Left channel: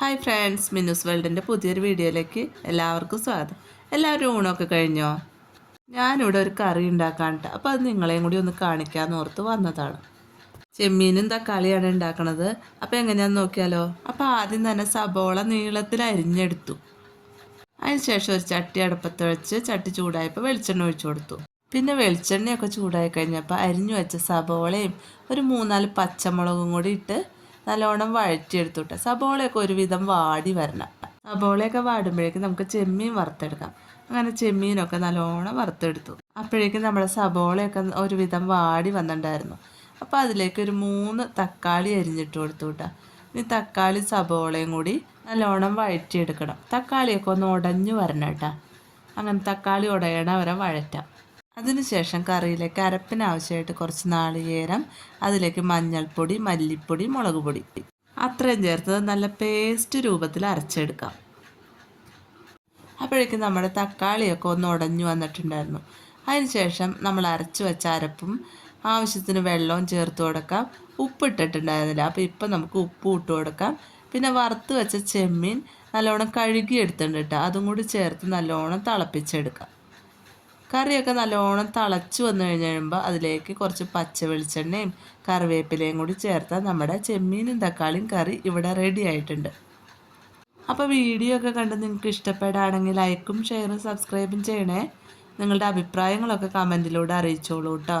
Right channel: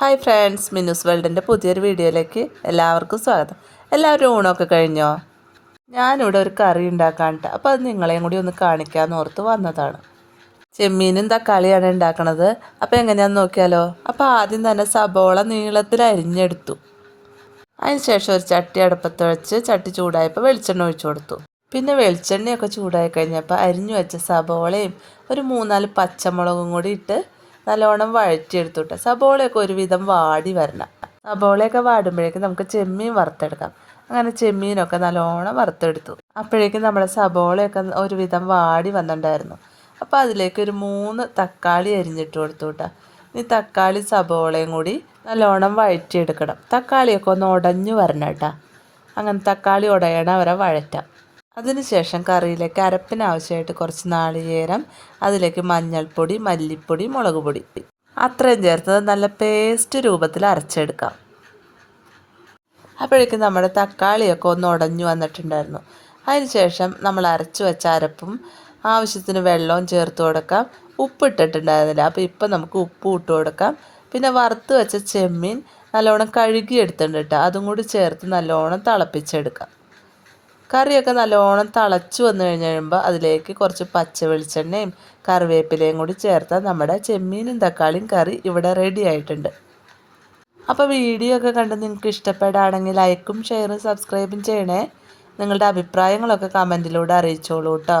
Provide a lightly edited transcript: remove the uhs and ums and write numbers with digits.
Hi friends, Minnu's വേൾഡിൻ്റെ പുതിയൊരു വീഡിയോയിലേക്ക് എല്ലാവർക്കും സ്വാഗതം. എല്ലാവരും ഊണൊക്കെ കഴിഞ്ഞോ? ഞാനിവിടെ ഒരു കറി ഉണ്ടാക്കാനിട്ട് അപ്പോൾ അത് നിങ്ങളെയും കൂടി ഒന്ന് കാണിക്കാമെന്ന് ഓർത്ത് വന്നതാണ്. ചെമ്മീനും തക്കാളിയാണ് ഉണ്ടാക്കണത്. അപ്പോൾ എങ്ങനെയാണെന്ന് നോക്കിയാലോ. അപ്പോൾ ആദ്യം തന്നെ സബോള നീളത്തിൽ അരിഞ്ഞെടുത്തു. അതിനുശേഷം ഒരു ചട്ടി അടുപ്പത്ത് വെച്ച് ചട്ടി ചൂടായപ്പോൾ വെളിച്ചെണ്ണ ഒഴിച്ചു കൊടുത്തു. പിന്നെ വെളിച്ചെണ്ണയൊക്കെ ചൂടായി കഴിഞ്ഞപ്പോൾ അരിഞ്ഞു വെച്ച സബോളയും ഒരു 3-4 പച്ചമുളകും കൂടി ഇട്ട് നല്ലോണം വഴറ്റിയെടുത്തുട്ട് സബോളയൊക്കെ ഒരുവിധം വാടി വരണം. സബോളയൊക്കെ വാടുമ്പോഴേക്കും നമുക്ക് ചെമ്മീൻ വറുത്തെടുക്കാം. അങ്ങനെ ചെമ്മീനൊക്കെ നല്ലോണം വറുത്തെടുത്തു. അപ്പോഴേക്കും നമ്മുടെ സബോളയൊക്കെ ഒരുവിധം വാടി വന്നിട്ടുണ്ടായിരുന്നു. അപ്പോൾ അതിലേക്ക് ഒരു 3 തക്കാളി അരിഞ്ഞിട്ട് കൊടുത്തു കേട്ടോ. ഈ തക്കാളി സബോളയും കൂടി നല്ലോണം വഴറ്റിയെടുക്കണം. തക്കാളിയൊക്കെ ഒന്ന് ഉടഞ്ഞു വരണം കേട്ടോ. അങ്ങനെ തക്കാളി ഉടയണ വരെ വഴറ്റാം. അതിനുശേഷം കറിയിലേക്ക് അരപ്പിന് ആവശ്യമായിട്ട് കുറച്ച് നാളികേരം, അതിലേക്ക് മഞ്ഞൾപ്പൊടി, മല്ലിപ്പൊടി, മുളക് പൊടി അത്രയും ചേർത്തത് നല്ല പേസ്റ്റ് രൂപത്തിൽ അരച്ചെടുക്കാം. അപ്പോഴേക്കും നമ്മുടെ തക്കാളിയൊക്കെ ഒന്ന് ഉടഞ്ഞു വന്നിട്ടുണ്ടായിരുന്നു. അതിനുശേഷം നമ്മൾ അരച്ചു വെച്ച അരപ്പും ആവശ്യത്തിന് വെള്ളവും ചേർത്ത് കൊടുക്കാം. ഉപ്പിട്ടിട്ടുണ്ടായിരുന്നില്ല, അപ്പോൾ ഇപ്പം നമുക്ക് ഉപ്പ് ഇട്ട് കൊടുക്കാം. പിന്നെ വറുത്ത് വെച്ച ചെമ്മീൻ നല്ലോണം കഴുകിയെടുത്തിട്ടുണ്ട് കേട്ടോ. അതും കൂടി ചേർത്ത് നല്ലോണം തിളപ്പിച്ചെടുക്കാം. കറിയൊക്കെ നല്ലോണം തിളച്ച് വന്നു കഴിയുമ്പോൾ അതിലേക്ക് കുറച്ച് പച്ച വെളിച്ചെണ്ണയും കറിവേപ്പിലയും കൂടി ചേർത്താൽ നമ്മുടെ ചെമ്മീനും തക്കാളിയും കറി ഇവിടെ റെഡി ആയിട്ടുണ്ട്. അപ്പോൾ വീഡിയോ ഒക്കെ കണ്ട് നിങ്ങൾക്ക് ഇഷ്ടപ്പെടുകയാണെങ്കിൽ ലൈക്കും ഷെയറും സബ്സ്ക്രൈബും ചെയ്യണേ. നിങ്ങളുടെ അഭിപ്രായങ്ങളൊക്കെ കമൻറ്റിലൂടെ അറിയിച്ചോളൂ കേട്ടോ.